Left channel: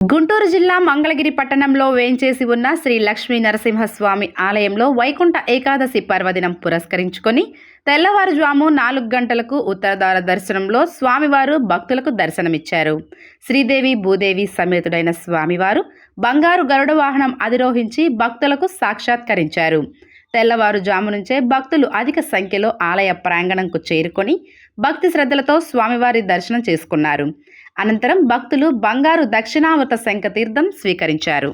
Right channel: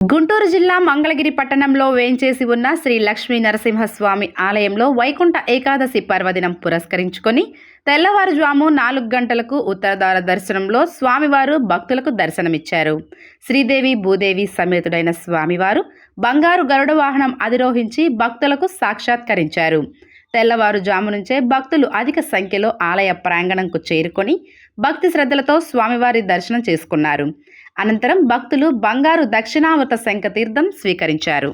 గుంటూరు జిల్లా మంగళగిరి పట్టణంలో వేంచేసి ఉన్న శ్రీ లక్ష్మీ నరసింహస్వామి ఆలయంలో వైకుంఠ ఏకాదశి పర్వదినం పురస్కరించుకొని తెల్లవారుజాము 4 గంటలకు ఉత్తరద్వార దర్శనంలో స్వామివారు భక్తులకు దర్శనమిచ్చారు. శ్రీదేవి భూదేవి సమేతుడైన స్వామివారు బంగారు గరుడ వాహనం అధిరోహించి భక్తులకు సాక్షాత్కరించారు. తెల్లవారుజాము నుంచే భక్తులు అధిక సంఖ్యలో ఆలయ ప్రాంగణంకు చేరుకొని భక్తి శ్రద్ధలతో స్వామివారి దర్శనం చేసుకున్నారు. అనంతరం భక్తులు బంగారు దక్షిణామృత శంఖ తీర్థం స్వీకరించారు.